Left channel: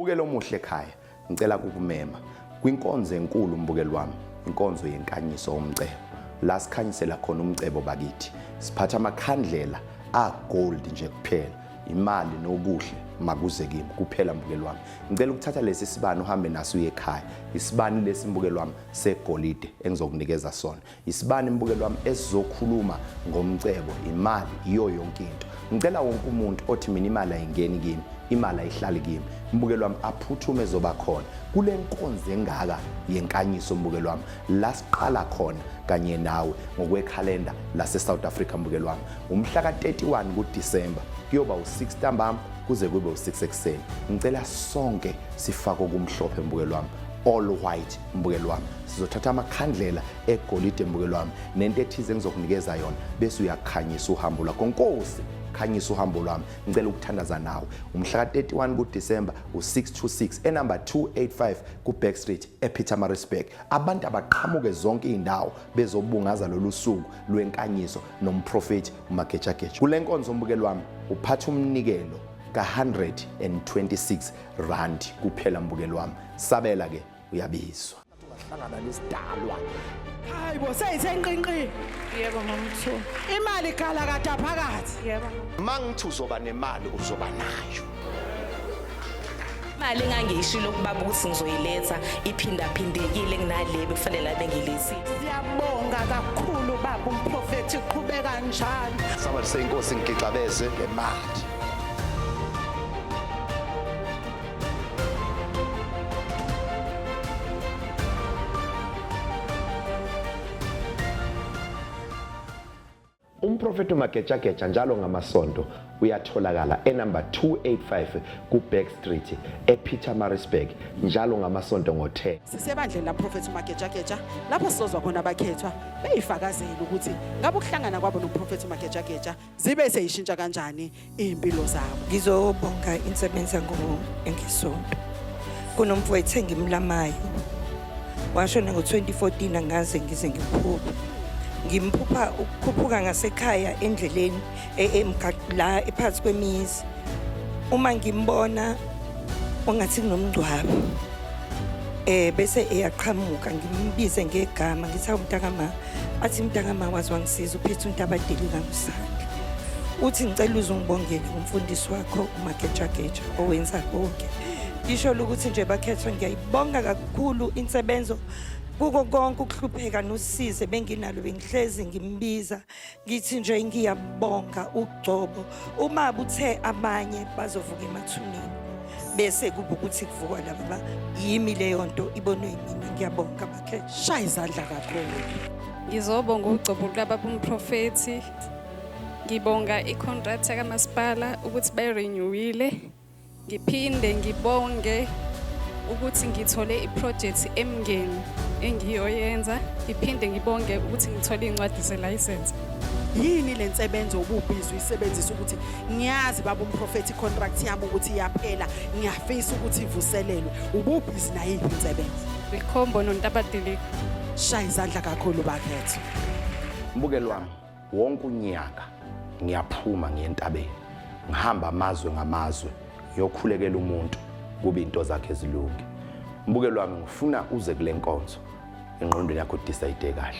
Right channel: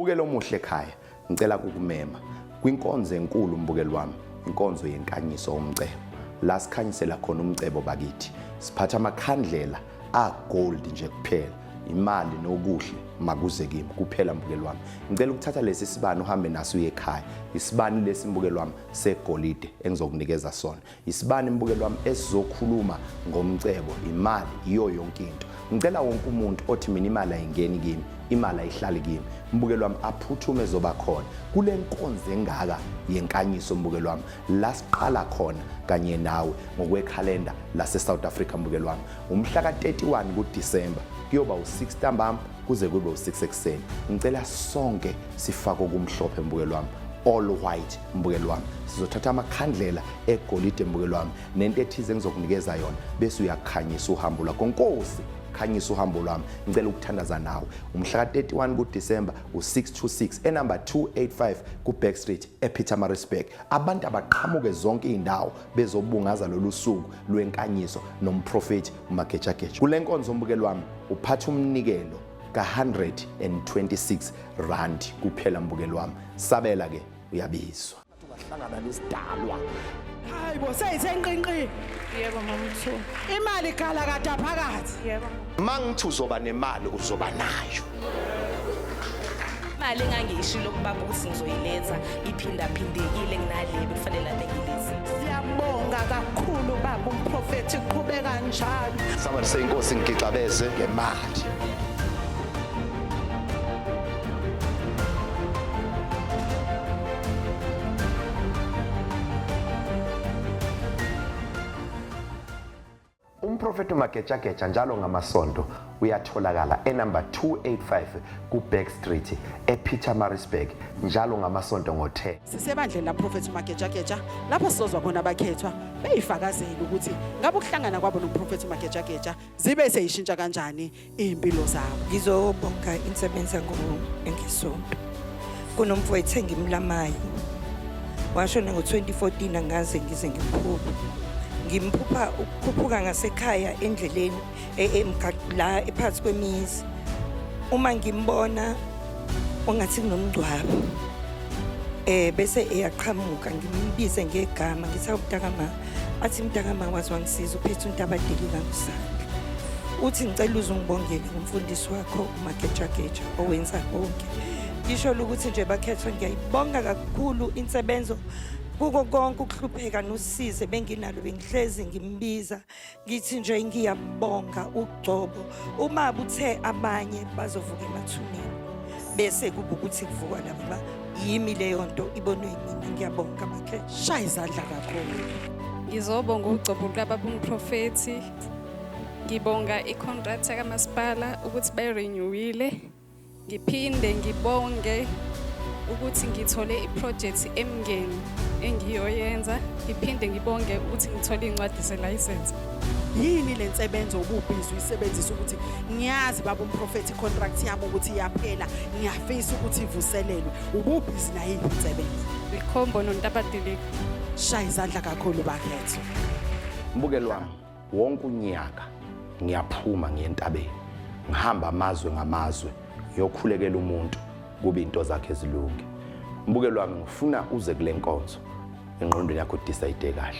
Mbukelo omuhle ekhaya, ngicela kukumema kwinkonzo enkulu mbukelo wami, inkonzo yenkanyiso umcebo. La sikhanyisela khona umcebo bakithi. Siphatha amakhandlela gold nje kuphela. Imali nokuhle makuze kimi kuphela mbukelo wami. Ngicela ukuthatha lesi sibani uhambe naso uye ekhaya. Isibani lesi mbukelo wami segolide engizokunikeza sona. Isibani mbukelo wami esizokhuluma ngomcebo, imali iyo yonke into. Ngicela wonke umuntu othi mina imali ayingeni kimi, imali ayihlali kimi. Mbukelo wami aphuthume zoba khona. Kule nkonzo engaka yenkanyiso mbukelo wami. La siqala khona kanye nawe ngokwekhalenda lase South Africa mbukelo wami. Umhla ka-31 kuDisemba kuyoba u6 ntambama kuze kube u6 ekseni. Ngicela sonke sifake okumhlophe mbukelo wami. All white mbukelo wami. Sizothatha amakhandlela egolide mbukelo wami nento ethize engizokunikeza yona bese uyakhanyisa uhambo lwakho. Nkosi khanyisa uhambo lwami. Ngicela ukuthandaza nawe. Umhla ka-31 kuDisemba u626 enumber 285 kuBack Street ePietermaritzburg. Abantu abaqhamuke zonke indawo bezobungaza lolu suku lwenkanyiso nomprofeti uMagejageja. Kule nkonzo mbukelo wami uphatha umnikelo ka126 rand kuphela mbukelo wami. Sabela ke uyabizwa. Ungahlangana nesidalwa. Hayibo seyisenqinqi. Yebo mamthu. Imali gala kade phakathi. Yebo. Mangithi uzoba nemali uzoba nayo. Imali engangishilo kubaba ukuthi ngizoyiletha iphindaphindekile kunale bekufanele bengilethile. Siyabonga kakhulu baba umprofeti uqhubeka njalo. Somebody say inkosi ngigixabeze ngemali. Umprofeti uMagejageja njalo ngamasonto uyatholakala enumber 285 kuBack Street ePietermaritzburg njalo ngamasonto ngo10. Sisebandleni la Prophet Magejageja lapho sizozwa khona abakhethwa beyifakazela ukuthi ngabe ukuhlangana kwabo noProphet Magejageja zibe seyishintsha kanjani impilo zabo. Ngizobonga insebenza engisonto. Kunomfowethu engimlamayo. Washona ngo2014 angaze ngize ngimphuphe. Ngimphupha ukukhuphuka ngasekhaya endleleni la ephansi kwemizi. Uma ngimbona ongathi kunomngcwabo bese eyaqhamuka ngimbize ngegama ngithi umntakama athi umntakama wazi wangisiza uphethe uNtabadeli kaNgusandla. Uthi ngicela uzungibongele umfundisi wakho uMagejageja owenza konke. Ngisho ukuthi nje bakhethwa ngiyayibonga kakhulu insebenzo kuko konke ukuhlupheka nosize benginalo bengihlezi ngimbiza ngithi nje ngiyabonga ugcobo uma buthe abanye bazovuka emathuneni bese kuba ukuthi kuvuka laba yimi leyo nto ibonwe yimina. Ngiyabonga bakhe shaya izandla kakhulu. Ngizobonga ugcobo lukababa umprofeti. Ngibonga icontract kaMasipala ukuthi bayirenewile. Ngiphinde ngibonge ukuthi ngithole iproject emngeni engiyoyenza. Ngiphinde ngibonge ukuthi ngithole incwadi zelicense. Yini lensebenzo ububhizi uyisebenzisa ukuthi ngiyazi baba umprofeti contract yami ukuthi iyaphela ngiyafisa ukuthi ivuselelwe ububhizi na yiphi insebenzo? Likhombo noNtabadeli. Shaya izandla kakhulu bakhetho. Mbukelo wami wonke unyaka ngiyaphuma ngiyentabeni. Ngihamba amazwe ngamazwe ngiyokhulekela umuntu kube into zakhe ezilungi. Mbukelo wami ngifuna uze kule nkonzo engqondweni yakho decide kahle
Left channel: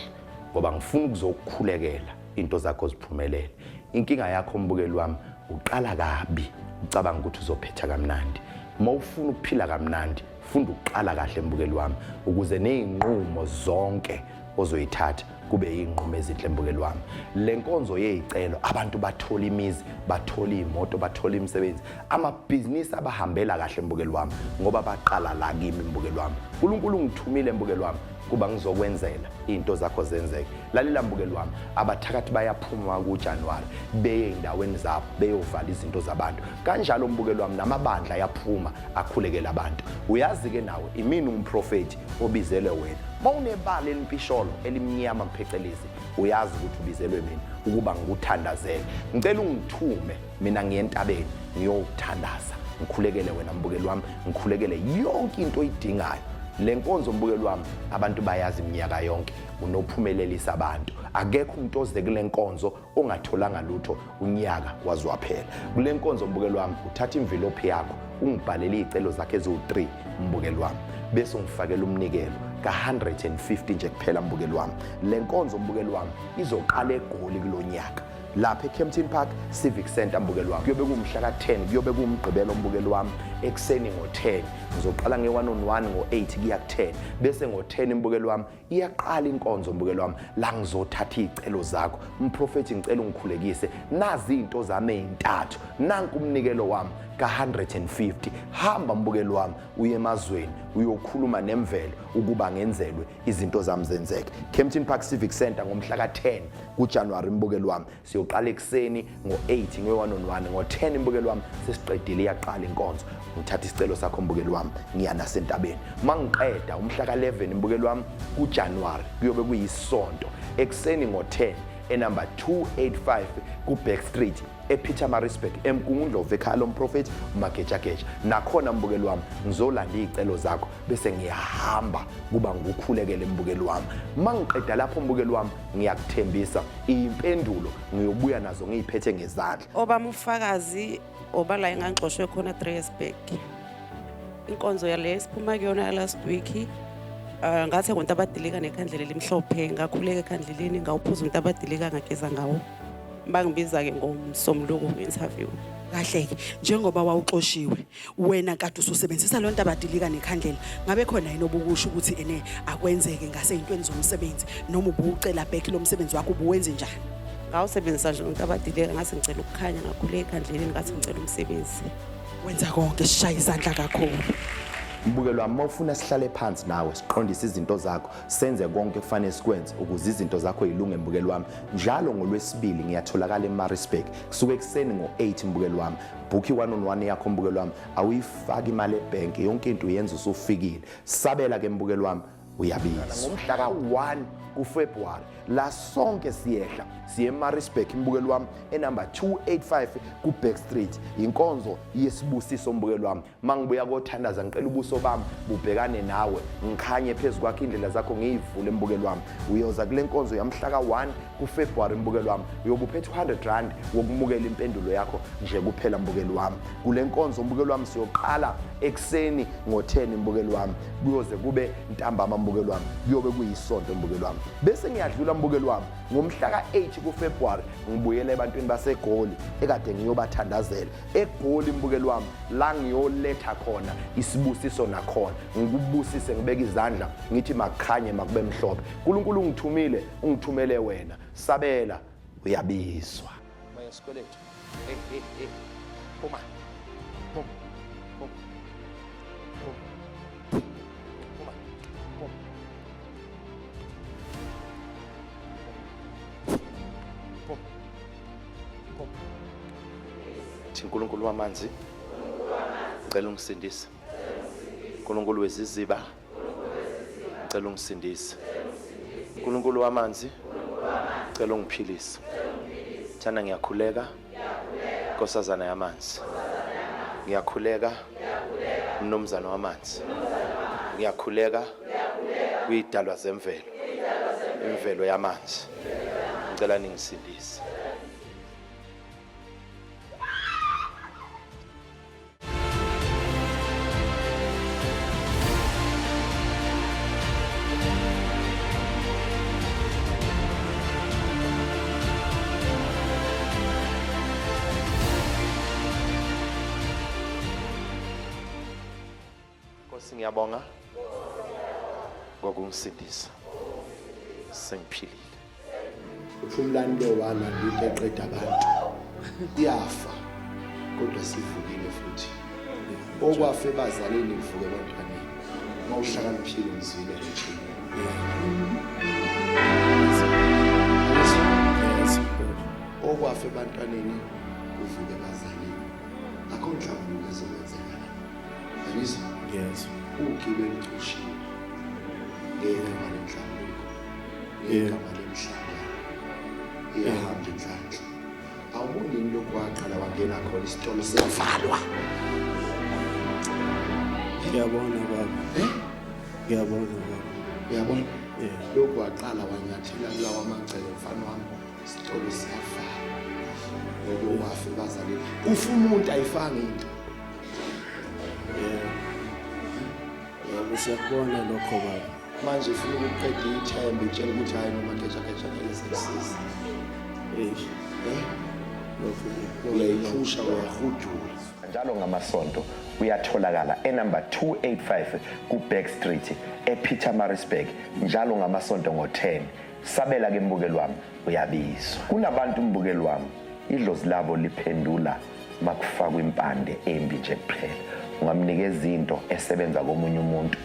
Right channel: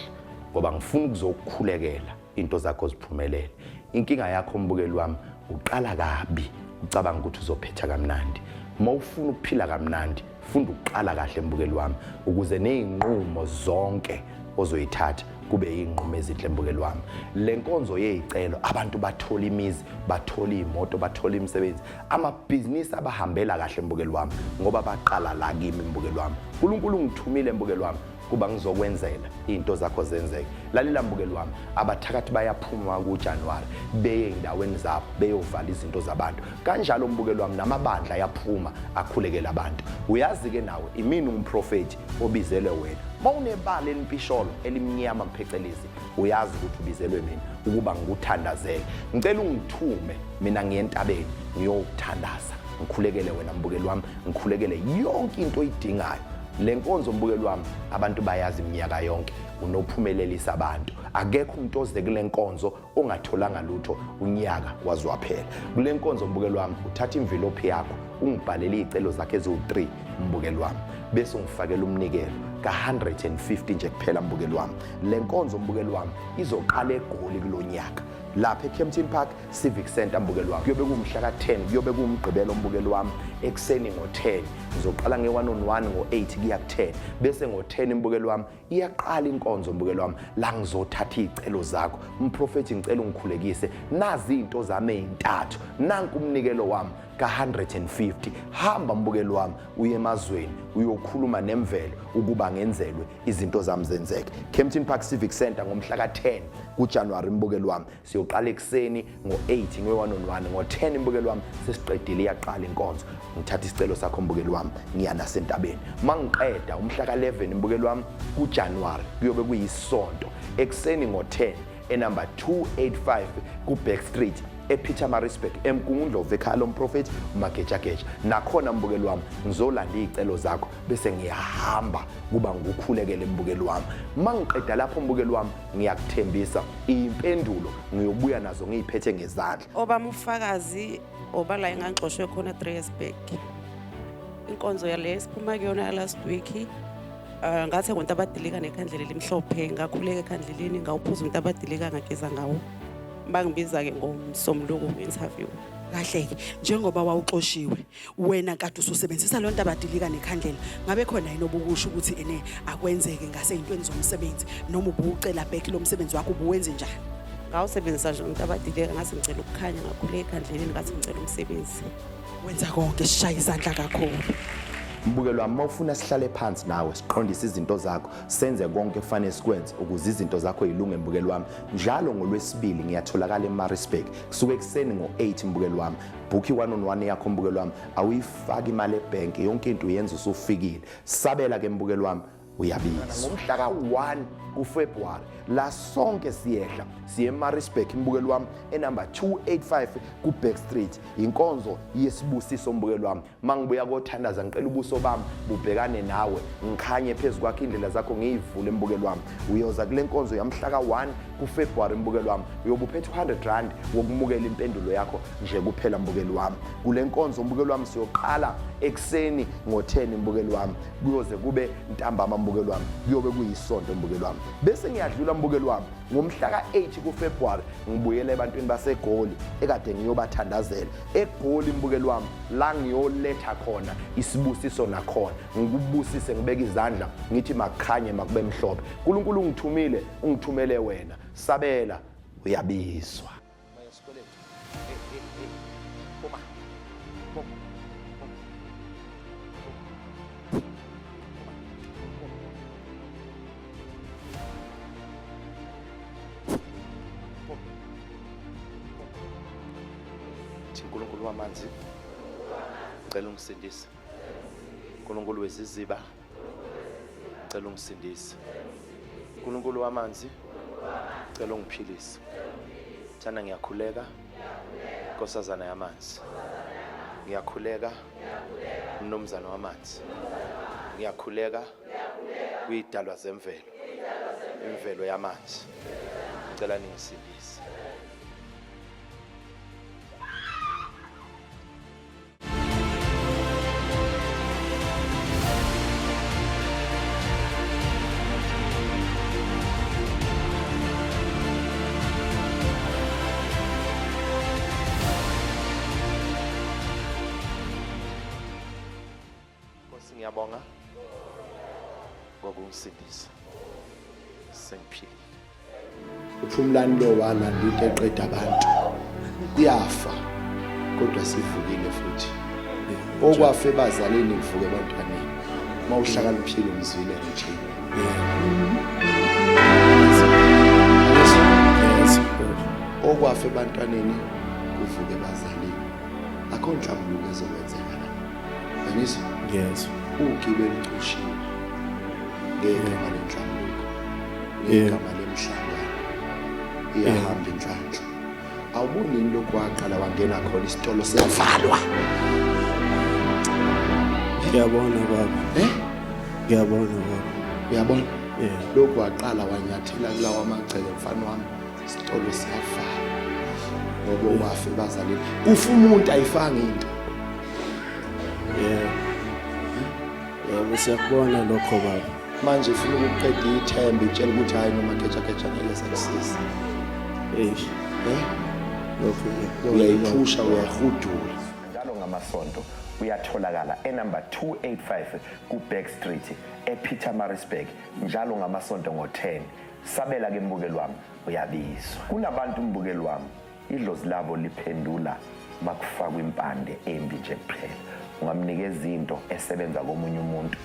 ngoba ngifuna ukuzokukhulekela into zakho ziphumelele. Inkinga yakho mbukelo wami uqala kabi ucabanga ukuthi uzophetha kamnandi. Mawufuna ukuphila kamnandi funda uqala kahle mbukelo wami ukuze nezinqumo zonke ozoyithatha kube inqumo ezinhle mbukelo wami. Le nkonzo yezicelo abantu bathola imizi, bathola imoto, bathola imisebenzi, amabhizinisi abahambela kahle mbukelo wami ngoba baqala la kimi mbukelo wami. uNkulunkulu ngithumile mbukelo wami kuba ngizokwenzela into zakho zenzeke. Lalela mbukelo wami abathakathi bayaphuma kuJanuary beye endaweni zabo beyovala izinto zabantu. Kanjalo mbukelo wami namabandla ayaphuma akhulekela abantu. Uyazi ke nawe imini umprofeti obizelwe wena. Mawunebali elimpisholo elimnyama mphecelezi uyazi ukuthi ubizelwe mina ukuba ngikuthandazele. Ngicela ungithume mina ngiyentabeni ngiyokuthandaza. Ngikhulekele wena mbukelo wami, ngikhulekele yonke into oyidingayo. Le nkonzo mbukelo wami abantu bayazi iminyaka yonke unophumelelisa abantu. Akekho umuntu oze kule nkonzo ongatholanga lutho unyaka wazwaphela. Kule nkonzo mbukeli wami uthatha imvilophi yakho ungibhalele izicelo zakhe eziwu3 mbukeli wami bese ungifakela umnikelo ka150 nje kuphela mbukeli wami. Le nkonzo mbukeli wami izoqala eGoli kulonyaka lapha eKempton Park Civic Center mbukeli wami. Kuyobe kumhla ka10 kuyobe kumgqibelo mbukeli wami ekseni ngo10 ngizoqala nge1-on-1 ngo8 kuya ku10 bese ngo10 mbukeli wami iyaqala inkonzo mbukeli wami la ngizothatha izicelo zakho. Umprofeti ngicela ungikhulekise nazi izinto zami ezintathu nanku umnikelo wami ka150. Hamba mbukeli wami uye emazweni uyokhuluma nemvelo ukuba ngenzelwe izinto zami zenzeke. Kempton Park Civic Center ngomhla ka10 kuJanuary mbukeli wami siyoqala ekseni ngo8 nge1-on-1 ngo10 mbukeli wami sesiqedile iyaqala inkonzo. Ngithatha isicelo sakho mbukeli wami ngiya nasentabeni. Mangiqeda umhla ka11 mbukeli wami kuJanuary kuyobe kuyisonto ekseni ngo10 enumber 285 kuBack Street ePietermaritzburg eMkungundlovu ekhaya lomprofeti uMagejageja. Nakhona mbukeli wami ngizolanda izicelo zakho bese ngiyahamba kuba ngukhulekele mbukeli wami. Mangiqeda lapho mbukeli wami ngiyakuthembisa impendulo ngiyobuya nazo ngiziphethe ngezandla. Obama ufakazi obala engangixoshwe khona 3 years back. Inkonzo yale siphuma kuyona last week. Ngathi ngonto abadilika nekhandlela elimhlophe ngakhuleka ekhandleleni ngawuphuza umuntu abadilika ngageza ngawo. Bangibiza ke ngomsomluko ku-interview. Kahle-ke njengoba wawuxoshiwe wena kade ususebenzisa lonto abadilika nekhandlela ngabe khona yini obukusho ukuthi ene akwenzeke ngaseyintweni zomsebenzi noma ubucela back lo msebenzi wakho ubuwenze njani? Ngawusebenzisa nje umuntu abadilika ngase ngicela ukukhanya ngakhuleka ekhandleleni ngathi ngicela umsebenzi. Wenza konke sishaya izandla kakhulu. Mbukeli wami mawufuna sihlale phansi nawe siqondise izinto zakho senze konke kufanele sikwenze ukuze izinto zakho zilunge mbukeli wami. Njalo ngolwesibili ngiyatholakala eMaritzburg kusuka ekseni ngo8 mbukeli wami. Book i1-on-1 yakho mbukeli wami awuyifaki imali ebank yonke into uyenza usufikile. Sabela ke mbukeli wami uyabizwa. Ngomhla ka1 kuFebruary la sonke siyehla siye eMaritzburg mbukeli wami enumber 285 kuBack Street. Inkonzo yesibusiso mbukeli wami. Mangibuya kothandaza ngicela ubuso bami bubhekane nawe ngikhanye phezukwakho indlela zakho ngiyivule mbukeli wami. Uyoza kule nkonzo yamhla ka1 kuFebruary mbukeli wami uyobuphethe 100 rand wokumukela impendulo yakho nje kuphela mbukeli wami. Kule nkonzo mbukeli wami siyoqala ekseni ngo10 mbukeli wami kuyoze kube ntambama mbukeli wami kuyobe kuyisonto mbukeli wami. Bese ngiyadlula mbukeli wami ngomhla ka8 kuFebruary ngibuyela ebantwini baseGoli ekade ngiyobathandazela eGoli mbukeli wami la ngiyoletha khona isibusiso nakhona ngikubusise ngibeka izandla ngithi makhanye makube mhlophe. uNkulunkulu ungithumele wena. Sabela uyabizwa. Bayesikweletu. Phuma. Phuma. uNkulunkulu wamanzi ngicela ungisindise. uNkulunkulu weziziba ngicela ungisindise. uNkulunkulu wamanzi ngicela ungiphilise. Thana ngiyakhuleka Nkosazana yamanzi. Ngiyakhuleka Mnumzana wamanzi. Ngiyakhuleka kuyidalwa zemvelo. Imvelo yamanzi. Ngicela ningisindise. Ngiyabonga ngokungisindisa sengiphilile. Uphumlani lo walanda into eqeda abantu iyafa kodwa sivukile futhi. Okwafe ebazaleni kuvuke ebantwaneni. Mawuhlakaniphile umzwile nje. Okwafe ebantwaneni kuvuke ebazaleni. Akho nhlambuluko ezokwenzeka la. Yabizwa? Yes. Ugibela ucushiwe ngegama lenhlambuluko ngegama lemhlangano iyahamba inhlanhla. Awuboni yini lokhu waqala wangena khona isitolo siyavalwa? Ngiyabona baba. Ngiyabona baba. Uyabona? lokhu waqala wanyathela kulawa amagceke mfana wami isitolo siyavala ngoba wafe bazalini kufa umuntu ayifanga into yebo siyakubona lokho baba manje ufuna ukuqeda ithemba itshela ukuthi hayi noma kecha ngeke sekusiza lokho uyayiphusha uyahudula njalo ngamasonto uyatholakala enumber 285 ku-Back Street ePietermaritzburg njalo ngamasonto ngo-10 sabela ke mbukeli wami uyabizwa kunabantu mbukeli wami idlozi labo liphendula makufakwa impande embi nje kuphela ungamnikeza into esebenza komunye umuntu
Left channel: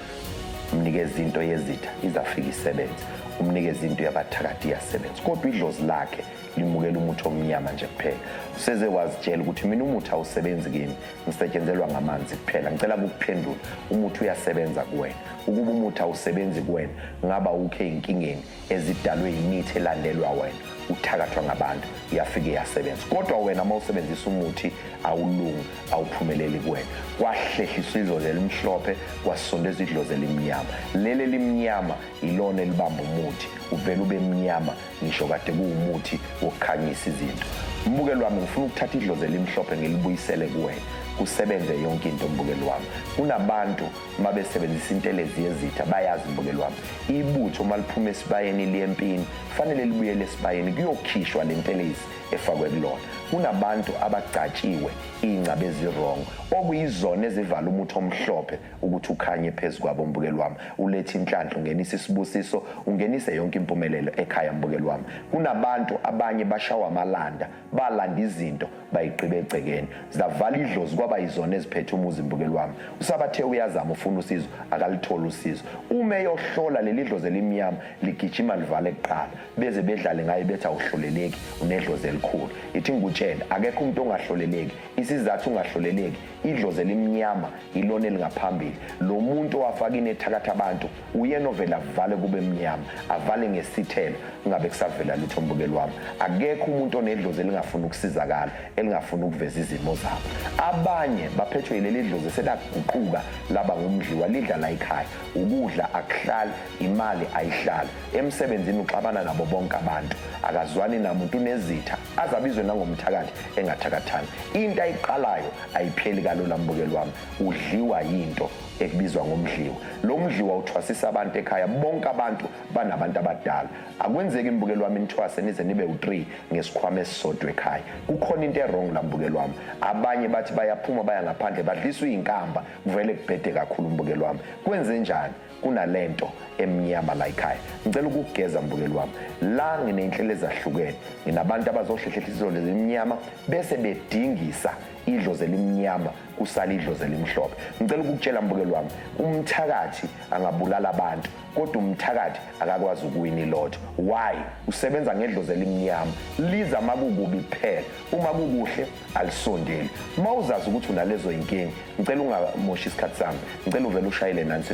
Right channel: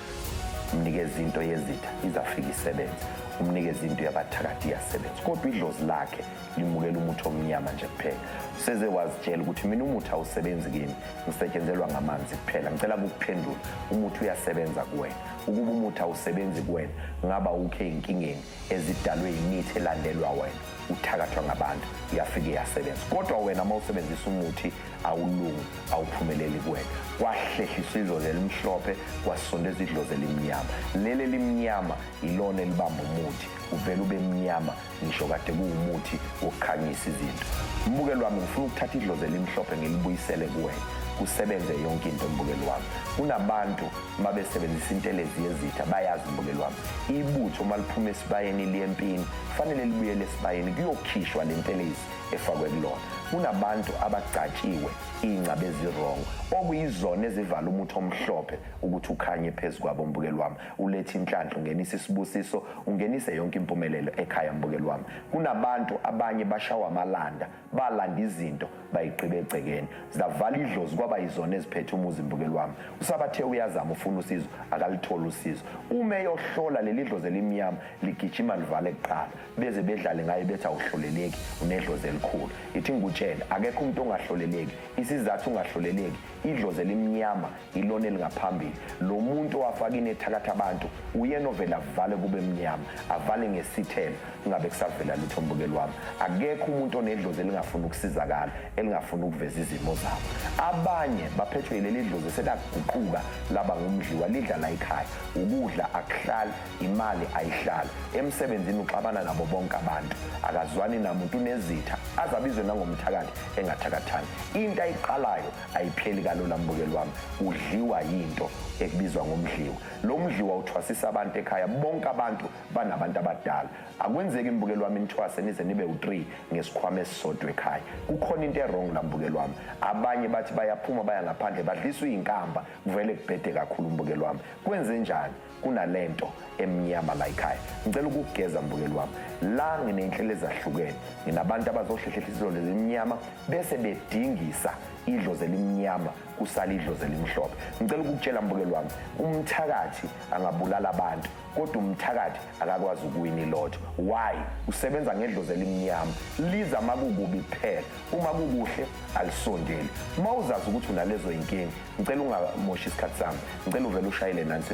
umnikeza into yezitha izafika isebenza umnikeza into yabathakathi iyasebenza kodwa idlozi lakhe limukela umuthi omnyama nje kuphela useze wazitshela ukuthi mina umuthi awusebenzi kimi ngisetshenzelwa ngamanzi kuphela ngicela ukuphendula umuthi uyasebenza kuwena ukuba umuthi awusebenzi kuwena ngaba ukhe inkingeni ezidalwe imithi elandelwa wena uthakathwa ngabantu iyafika iyasebenza kodwa wena mawusebenzisa umuthi awulungi awuphumeleli kuwena kwahlehliswa idlozi elimhlophe kwasondezwa idlozi elimnyama leli limnyama ilona elibamba umuthi uvela ube mnyama ngisho kade kuwumuthi wokukhanyisa izinto mbukeli wami ngifuna ukuthatha idlozi elimhlophe ngilibuyisele kuwena kusebenze yonke into mbukeli wami kunabantu mabesebenzisa intelezi yezitha bayazi mbukeli wami ibutho maliphuma esibayeni liyempini fanele libuyele esibayeni kuyokhishwa lentelezi efakwe kulona kunabantu abagcatshiwe ingcabe ezirongo okuyizona ezivala umuthi omhlophe ukuthi ukhanye phezulu kwabo mbukeli wami ulethe inhlanhla ungenisa isibusiso ungenise yonke impumelelo ekhaya mbukeli wami kunabantu abanye bashawa amalanda balanda izinto bayiqibe egcekeni zavala idlozi kwaba yizona eziphethe umuzi mbukeli wami usabathe uyazama ufuna usizo akalitholi usizo uma eyohlola leli dlozi elimnyama ligijima livale kuqala beze bedlale ngayo bethi awuhloleleki unedlozi elikhulu ithi ngutshela akekho umuntu ongahloleleki isizathu ungahloleleki idlozi elimnyama ilona elingaphambili lo muntu owafaka inethakatha abantu uyena ovela avale kube mnyama avale ngesithelo ingabe kusavela lutho mbukeli wami akekho umuntu onedlozi elingafuna ukusizakala elingafuna ukuveza izimo zabo abanye baphethwe yileli dlozi selaguquka laba ngumdliwa lidla la ekhaya ukudla akuhlali imali ayihlali emsebenzini uxabana nabo bonke abantu akazwani namuntu unezitha azabizwe nangomthakathi engathakathani into ayiqalayo ayipheli kalula mbukeli wami udliwa yinto ekubizwa ngomdliwa lo mdliwa uthwasisa abantu ekhaya bonke abantu banabantu abadala akwenzeki mbukeli wami nithwase nize nibe u3 ngesikhwama esisodwa ekhaya kukhona into errong la mbukeli wami abanye bathi bayaphuma baya ngaphandle badliswa izinkamba kuvele kubhede kakhulu mbukeli wami kwenze njani kunalento emnyama la ekhaya ngicela ukugeza mbukeli wami la nginenhlelo ezahlukene nginabantu abazohlehlela idlozi elimnyama bese bedingisa idlozi elimnyama kusala idlozi elimhlophe ngicela ukukutshela mbukeli wami umthakathi angabulala abantu kodwa umthakathi akakwazi ukuwina ilotho why usebenza ngedlozi elimnyama liza makukubi kuphela uma kukuhle alisondeli mawuzazi ukuthi unalezo inkingi ngicela ungamoshi isikhathi sami ngicela uvele ushayele nansi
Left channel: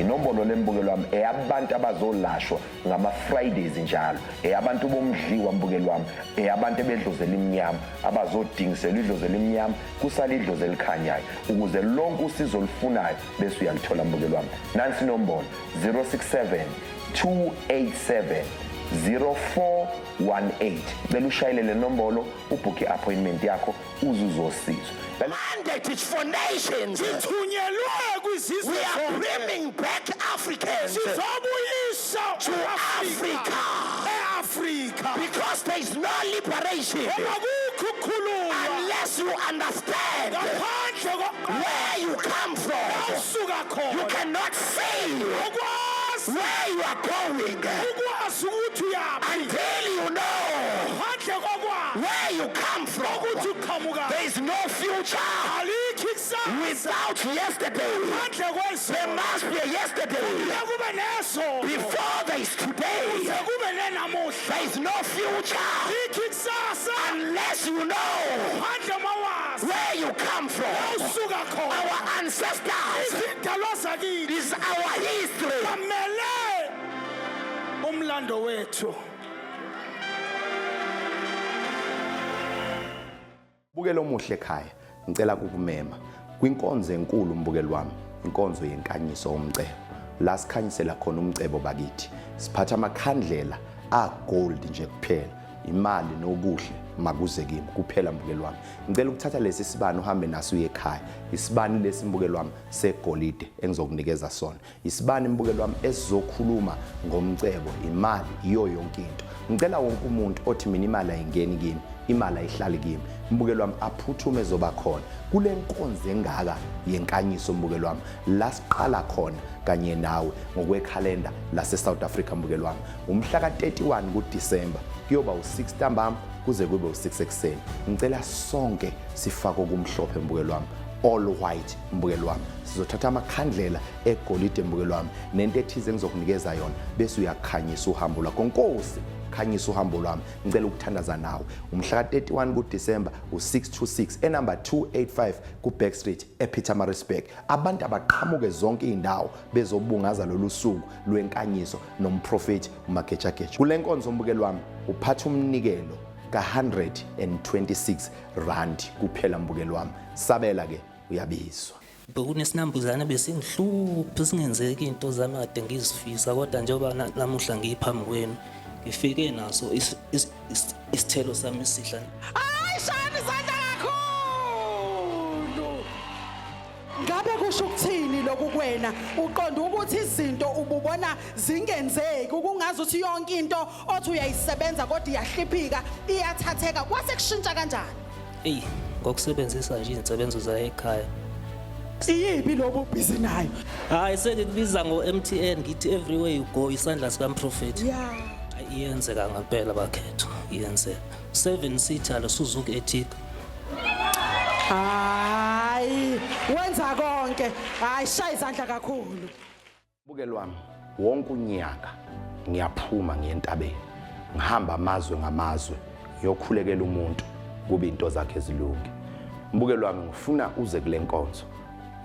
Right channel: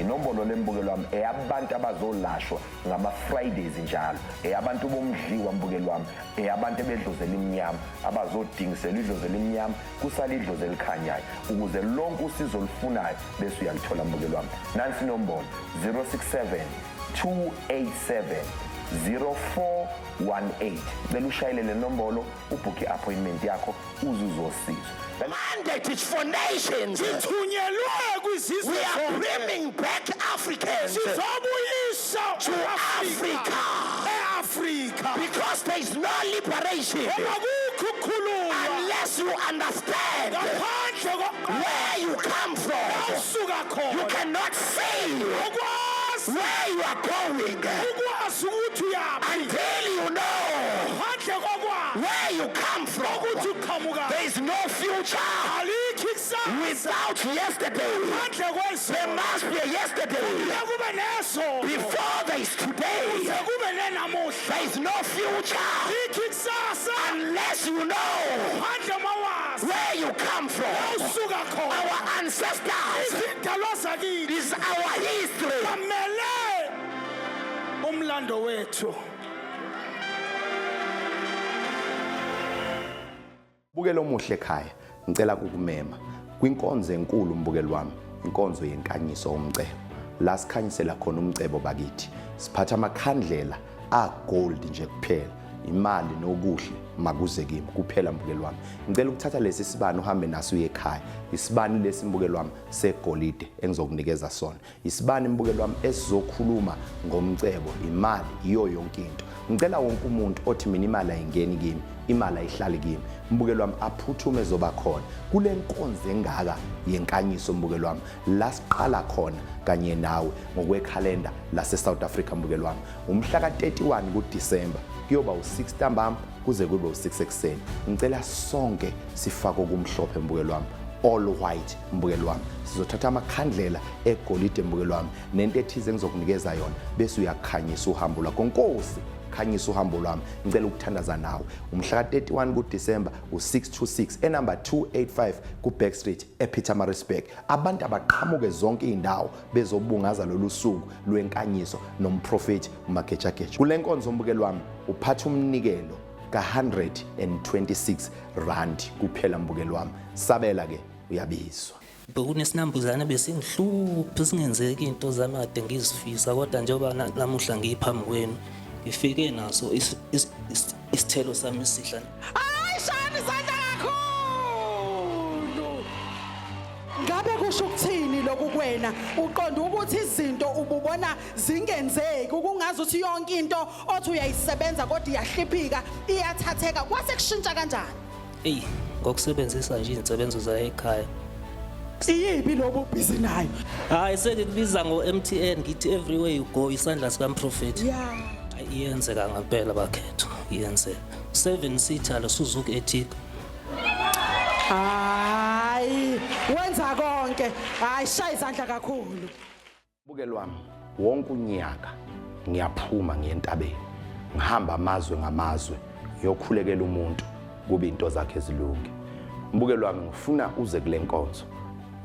inombolo lembukeli wami eyabantu abazolashwa ngama Fridays njalo eyabantu bomdliwa mbukeli wami eyabantu bedlozi elimnyama abazodingisela idlozi elimnyama kusala idlozi elikhanyayo ukuze lonke usizo olufunayo bese uyalithola mbukeli wami nansi inombolo 067-287-0418 bela ushayele le nombolo ubhukhe appointment yakho uzuzosizwa mandate is for nations. We are bringing back Africans to Africa. Because there is no liberation unless you understand where you come from. You cannot say where you are going until you know where you come from. There is no future without yesterday. There must be a yesterday. Before there is today, there is no future unless you know where you come from. Our ancestors, this is our history. Umlando wethu. Bukelo omuhle ekhaya ngicela kukumema kwinkonzo enkulu mbukeli wami inkonzo yenkanyiso omcebo la sikhanyisela khona umcebo bakithi siphatha amakhandlela agold nje kuphela imali nokuhle makuze kimi kuphela mbukeli wami ngicela ukuthatha lesi sibani uhambe naso uye ekhaya isibani lesi mbukeli wami segolide engizokunikeza sona isibani mbukeli wami esizokhuluma ngomcebo imali iyo yonke into ngicela wonke umuntu othi mina imali ayingeni kimi imali ayihlali kimi mbukeli wami aphuthume ezoba khona kule nkonzo engaka yenkanyiso mbukeli wami la siqala khona kanye nawe ngokwekhalenda lase South Africa mbukeli wami umhla ka31 kuDisemba kuyoba u6 ntambama kuze kube u6 ekseni ngicela sonke sifake okumhlophe mbukeli wami all white mbukeli wami sizothatha amakhandlela egolide mbukeli wami nento ethize engizokunikeza yona bese uyakhanyisa uhambo lwakho Nkosi khanyisa uhambo lwami ngicela ukuthandaza nawe umhla ka31 kuDisemba u626 enumber 285 ku Backstreet ePietermaritzburg abantu abaqhamuke zonke indawo bezobungaza lolu suku lwenkanyiso nomprofeti uMagejageja kule nkonzo mbukeli wami uphatha umnikelo ka126 rand kuphela mbukeli wami sabela ke uyabizwa bekunesinambuzane besingihluphi singenzeki into zami kade ngizifisa kodwa njengoba namuhla ngiphambi kwenu ngifike naso isithelo sami esihla Ayishani izandla kakhulu. Ngabe kusho ukuthini lokhu kuwena? Uqonda ukuthi izinto ububona zingenzeki ukungazi ukuthi yonke into othi uyayisebenza kodwa iyahliphika iyathatheka kwase kushintsha kanjani? Ey ngokusebenzisa nje insebenzo za ekhaya Iyibi lobu busy nayo. hayi sengikubiza ngo-MTN ngithi everywhere you go isandla sikaMprofeti Yeah. iyenzeka ngempela bakhetho iyenzeka 7-seater lo Suzuki Ertiga Hayi, wenza konke. Hayi shaya izandla kakhulu. Mbukeli wami wonke unyaka ngiyaphuma ngiyentabeni ngihamba amazwe ngamazwe ngiyokhulekela umuntu kube into zakhe ezilungi mbukeli wami ngifuna uze kule nkonzo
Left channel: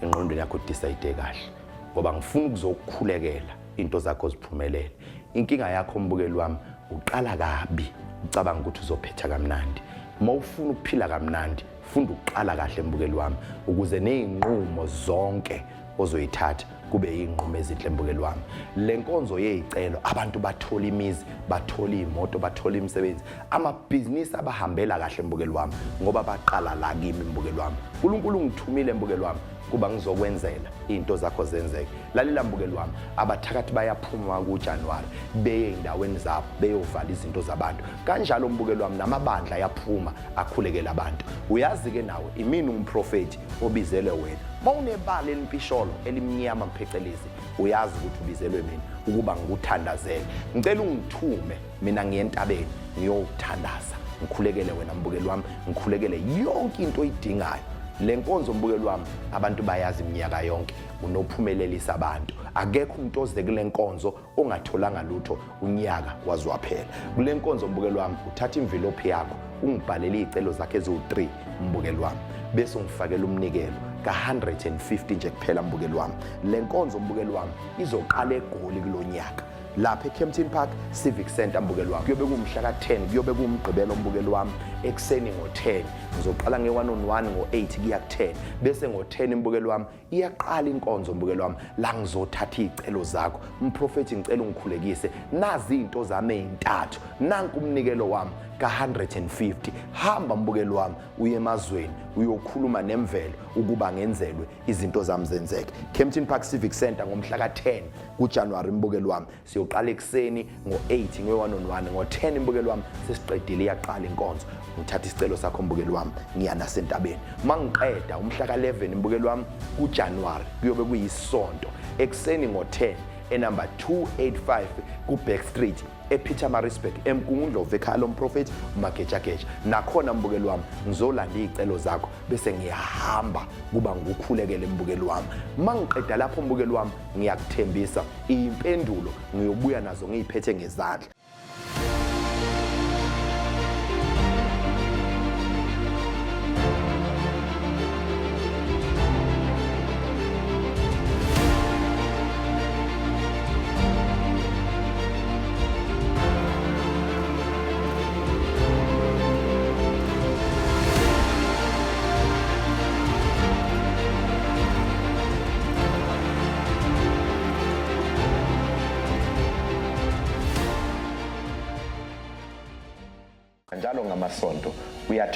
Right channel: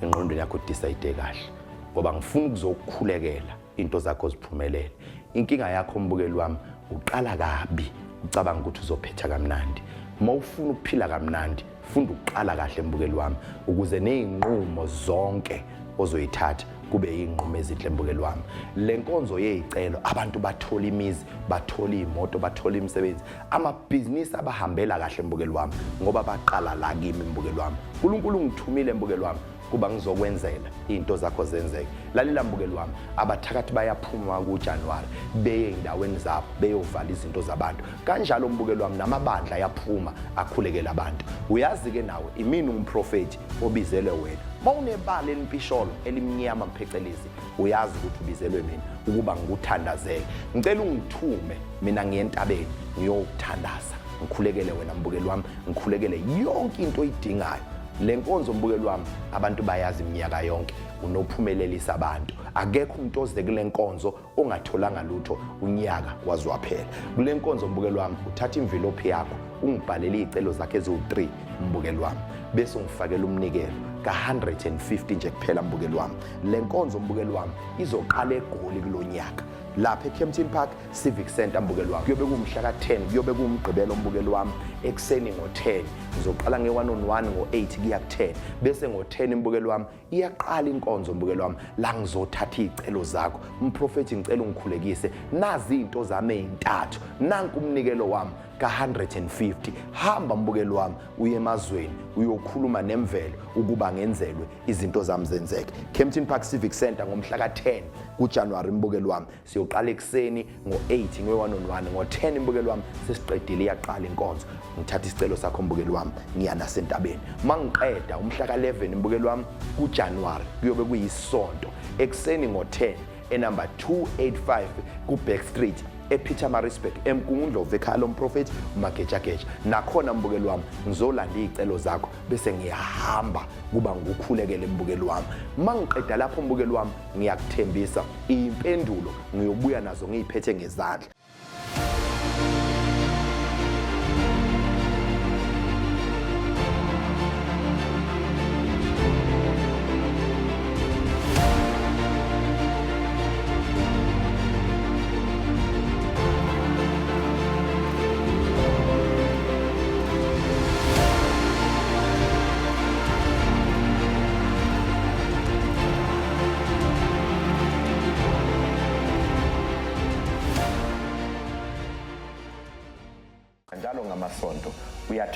engqondweni yakho decide kahle ngoba ngifuna ukuzokukhulekela into zakho ziphumelele inkinga yakho mbukeli wami uqala kabi ucabanga ukuthi uzophetha kamnandi mawufuna ukuphila kamnandi funda uqala kahle mbukeli wami ukuze nezinqumo zonke ozoyithatha kube inqumo ezinhle mbukeli wami le nkonzo yezicelo abantu bathola imizi bathola imoto bathola imisebenzi amabhizinisi abahambela kahle mbukeli wami ngoba baqala la kimi mbukeli wami uNkulunkulu ngithumile mbukeli wami kuba ngizokwenzela into zakho zenzeke lalela mbukeli wami abathakathi bayaphuma kuJanuary beye endaweni zabo beyovala izinto zabantu kanjalo mbukeli wami namabandla ayaphuma akhulekela abantu uyazi ke nawe imini umprofeti obizelwe wena mawunebala elimpisholo elimnyama mphecelezi uyazi ukuthi ubizelwe mina ukuba ngikuthandazele ngicela ungithume mina ngiyentabeni ngiyokuthandaza ngikhulekele wena mbukeli wami ngikhulekele yonke into oyidingayo le nkonzo mbukeli wami abantu bayazi iminyaka yonke unophumelelisa abantu akekho umuntu oze kule nkonzo ongatholanga lutho unyaka wazwaphela kule nkonzo mbukeli wami uthatha imvilophi yakho ungibhalele izicelo zakhe eziwu3 mbukeli wami bese ungifakela umnikelo ka150 nje kuphela mbukeli wami le nkonzo mbukeli wami izoqala eGoli kulonyaka lapha eKempton Park Civic Center mbukeli wami kuyobe kumhla ka10 kuyobe kumgqibelo mbukeli wami ekseni ngo10 ngizoqala nge1-on-1 ngo8 kuya ku10 bese ngo10 mbukeli wami iyaqala inkonzo mbukeli wami la ngizothatha izicelo zakho umprofeti ngicela ungikhulekise nazi izinto zami ezintathu nanku umnikelo wami ka150 hamba mbukeli wami uye emazweni uyokhuluma nemvelo ukuba ngenzelwe izinto zami zenzeke Kempton Park Civic Center ngomhla ka10 kuJanuary mbukeli wami siyoqala ekseni ngo8 nge1-on-1 ngo10 mbukeli wami sesiqedile iyaqala inkonzo ngithatha isicelo sakho mbukeli wami ngiya nasentabeni mangiqeda umhla ka11 mbukeli wami kuJanuary kuyobe kuyisonto ekseni ngo10 enumber 285 ku Backstreet ePietermaritzburg emkungundlovu ekhaya lomprofeti uMagejageja nakhona mbukeli wami ngizolanda izicelo zakho bese ngiyahamba kuba ngikukhulekele mbukeli wami mangiqeda lapho mbukeli wami ngiyakuthembisa impendulo ngiyobuya nazo ngiziphethe ngezandla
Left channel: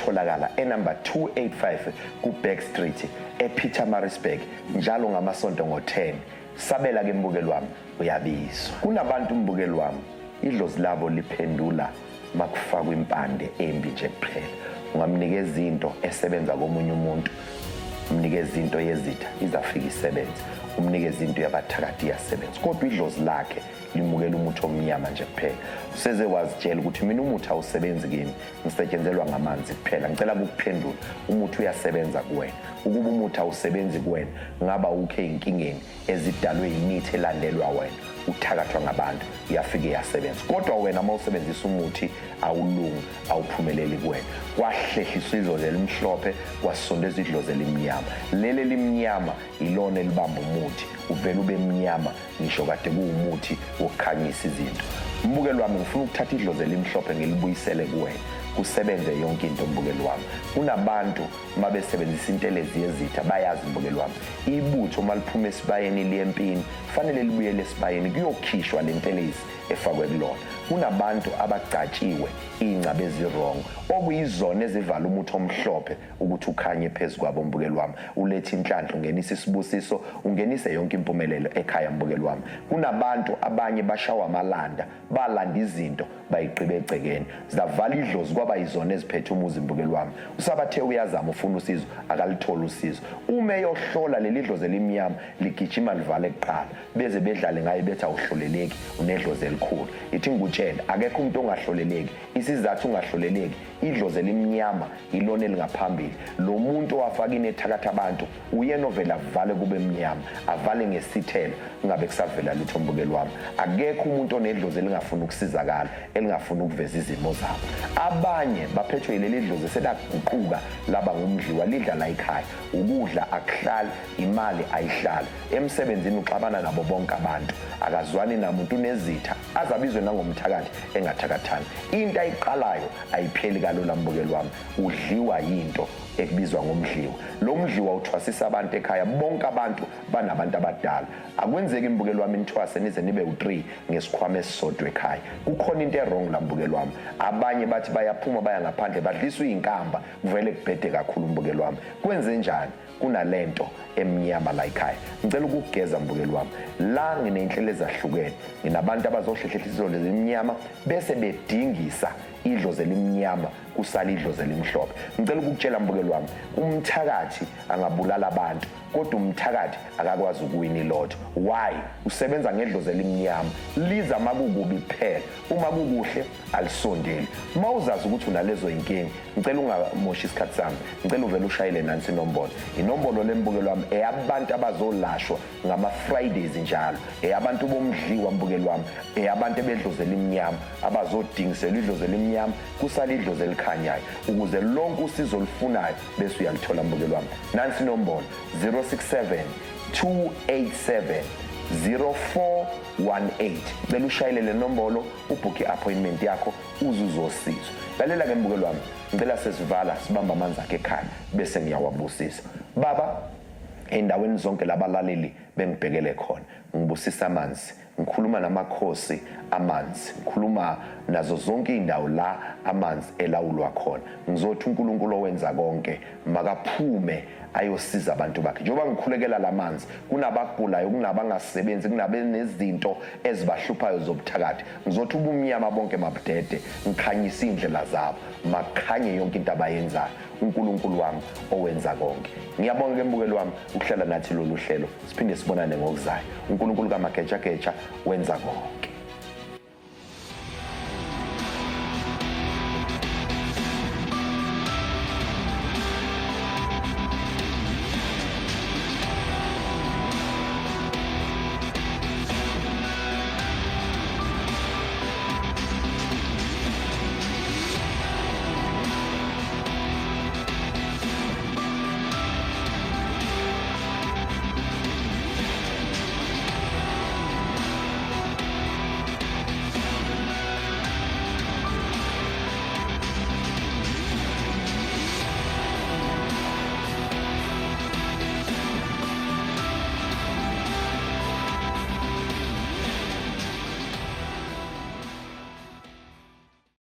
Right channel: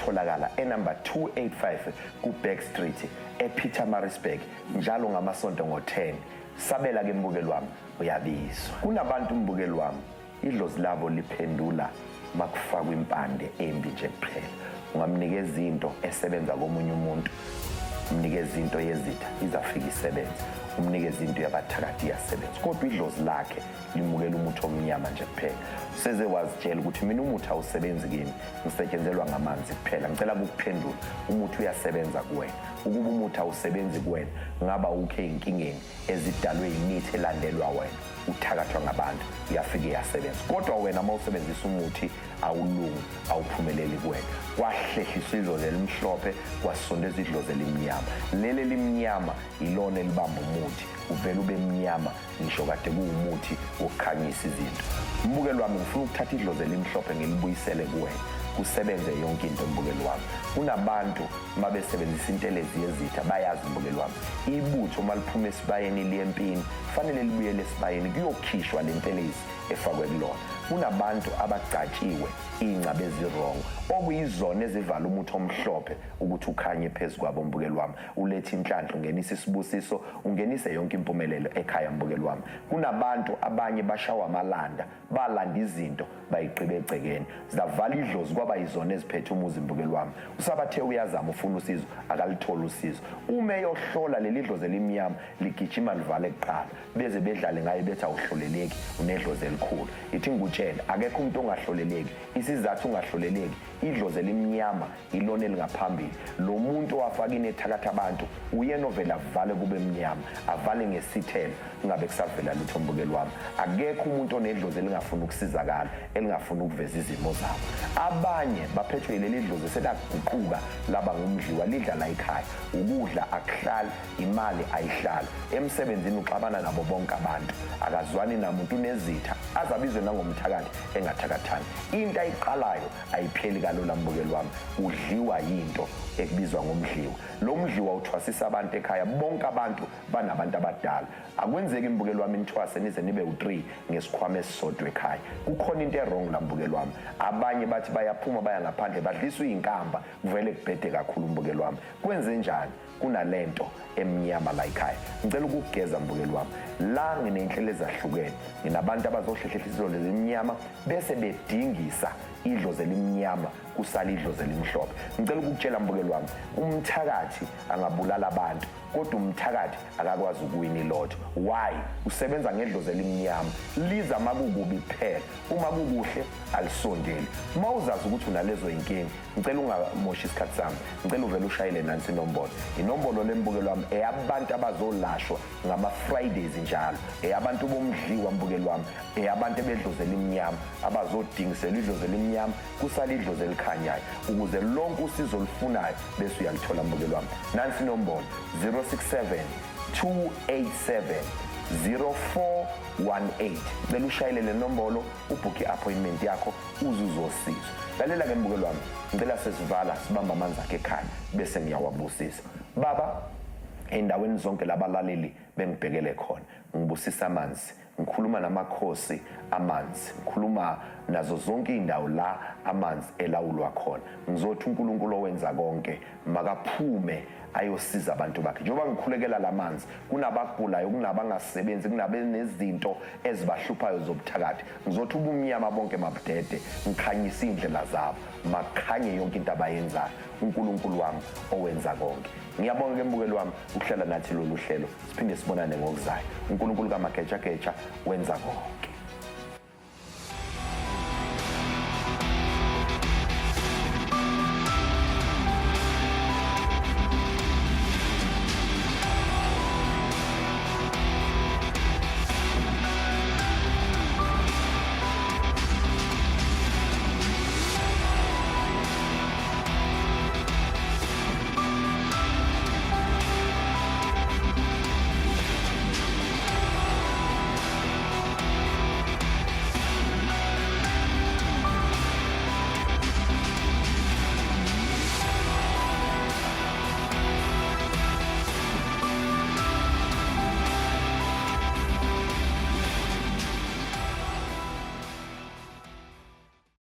atholakala enumber 285 ku-Back Street ePietermaritzburg njalo ngamasonto ngo-10. Sabela ke mbukeli wami uyabizwa. Kunabantu mbukeli wami idlozi labo liphendula makufakwa impande embi nje kuphela. Ungamnikeza into esebenza komunye umuntu, umnikeza into yezitha izafika isebenza, umnikeza into yabathakathi iyasebenza, kodwa idlozi lakhe limukela umuthi omnyama nje kuphela. Useze wazitshela ukuthi mina umuthi awusebenzi kimi, ngisetshenzelwa ngamanzi kuphela. Ngicela ukuphendula, umuthi uyasebenza kuwena. Ukuba umuthi awusebenzi kuwena, ngaba ukhe inkingeni ezidalwe yimithi elandelwa wena, uthakathwa ngabantu, iyafika iyasebenza. Kodwa wena mawusebenzisa umuthi awulungi, awuphumeleli kuwena. Kwahlehliswa idlozi elimhlophe, kwasondezwa idlozi elimnyama. Leli elimnyama ilona elibamba umuthi, uvele ube mnyama ngisho kade kuwumuthi wokukhanyisa izinto. Mbukeli wami, ngifuna ukuthatha idlozi elimhlophe ngilibuyisele kuwena, kusebenze yonke into mbukeli wami. Kunabantu mabesebenzisa intelezi yezitha bayazi mbukeli wami, ibutho maliphuma esibayeni liyempini fanele libuyele esibayeni kuyokhishwa le ntelezi efakwe kulona. Kunabantu abagcatshiwe ingcabe ezirongo okuyizona ezivala umuthi omhlophe ukuthi ukhanye phezu kwabo mbukeli wami, ulethe inhlanhla, ungenisa isibusiso, ungenise yonke impumelelo ekhaya mbukeli wami. Kunabantu abanye bashawa amalanda, balanda izinto bayiqibe egcekeni, zavala idlozi kwaba yizona eziphethe umuzi mbukeli wami. Usabathe uyazama ufuna usizo akalitholi usizo. Uma eyohlola leli dlozi elimnyama ligijima livale kuqala beze bedlale ngayo bethi awuhloleleki unedlozi elikhulu. Ithi ngutshela akekho umuntu ongahloleleki, isizathu ungahloleleki idlozi elimnyama ilona elingaphambili. Lo muntu owafaka inethakatha abantu uyena ovela avale kube mnyama, avale ngesithelo kungabe kusavela lutho mbukeli wami. Akekho umuntu onedlozi elingafuna ukusizakala, elingafuna ukuveza izimo zabo. Abanye baphethwe yileli dlozi selaguquka laba ngumdliwa, lidla la ekhaya, ukudla akuhlali, imali ayihlali, emsebenzini uxabana nabo bonke abantu, akazwani namuntu unezitha, azabizwe nangomthakathi engathakathani. Into ayiqalayo ayipheli kalula mbukeli wami, udliwa yinto ekubizwa ngomdliwa. Lo mdliwa uthwasisa abantu ekhaya, bonke abantu banabantu abadala. Akwenzeki mbukeli wami nithwase nize nibe u3 ngesikhwama esisodwa ekhaya. Kukhona into errong la mbukeli wami. Abanye bathi bayaphuma baya ngaphandle badliswa izinkamba, kuvele kubhede kakhulu mbukeli wami. Kwenze njani? Kunalento emnyama la ekhaya. Ngicela ukugeza mbukeli wami, la nginenhlelo ezahlukene, nginabantu abazohlehlela idlozi elimnyama bese bedingisa idlozi elimnyama kusala idlozi elimhlophe. Ngicela ukukutshela mbukeli wami, umthakathi angabulala abantu kodwa umthakathi akakwazi ukuwina ilotho. Why? Usebenza ngedlozi elimnyama, liza makukubi kuphela, uma kukuhle alisondeli. Mawuzazi ukuthi unalezo inkingi, ngicela ungamoshi isikhathi sami, ngicela uvele ushayele nansi inombolo. Inombolo lembukeli wami eyabantu abazolashwa ngama Fridays njalo, eyabantu bomdliwa mbukeli wami, eyabantu bedlozi elimnyama abazodingisela idlozi elimnyama kusala idlozi elikhanyayo, ukuze lonke usizo olufunayo bese uyalithola mbukeli wami. Nansi inombolo 067-287-0418. Bela ushayele le nombolo ubhukhe appointment yakho uzuzosizwa. Lalela ke mbukeli wami, ngicela sesivala sibamba amanzi akhe ekhaya bese ngiyawabusisa. Baba, endaweni zonke labalaleli bengibhekele khona, ngibusisa amanzi, ngikhuluma namakhosi amanzi, ngikhuluma nazo zonke indawo la amanzi elawulwa khona. Ngizothi uNkulunkulu owenza konke makaphume ayosiza abantu bakhe. Njengoba ngikhulekela lamanzi, kunabagulayo, kunabangasebenzi, kunabenezinto ezibahluphayo zobuthakathi, ngizothi ubumnyama bonke mabudede, ngikhanyisa indlela zabo, makhanye yonke into abayenzayo. uNkulunkulu wami owenza konke. Ngiyabonga ke mbukeli wami ukuhlala nathi lolu hlelo, siphinde sibonane ngokuzayo. uNkulunkulu kaMageja wenza konke.